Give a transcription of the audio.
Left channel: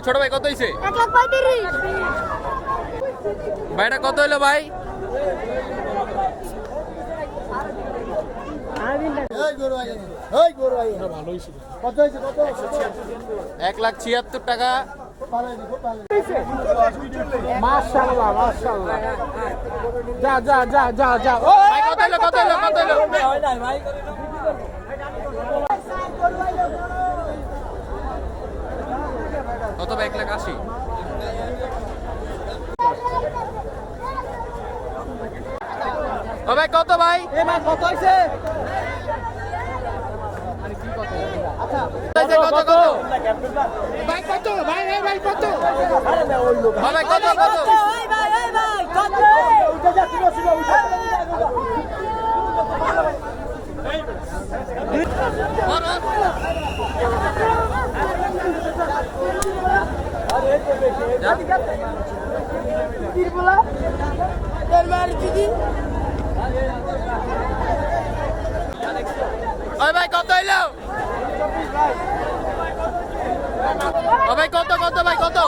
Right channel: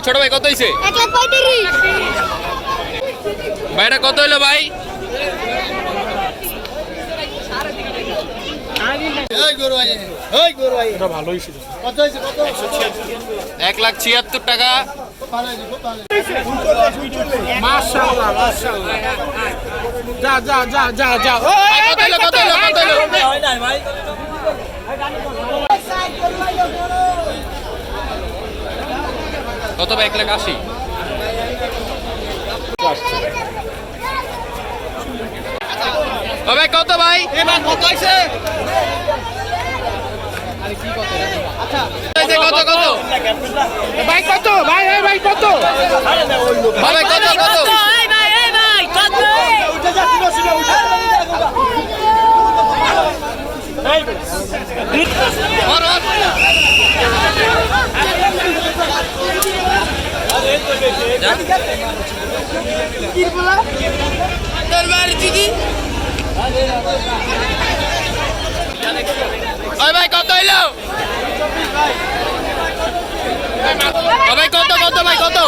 ভাই ছোট ভাই কত হইছে? 1,35,000। ভাইটা কত হইলো ভাই? এক লাখ 76 টাকা। ভাই, কত হইলো, কত হইলো, কত হইলো? কত ভাই? 1,80,000। ও ভাই কত ভাই? কত হইছে? কত কত ভাই কত ভাই ভাই কত ভাই কত কত? ওই ভাই কত হইলো? ভাই কত কত ভাই কত?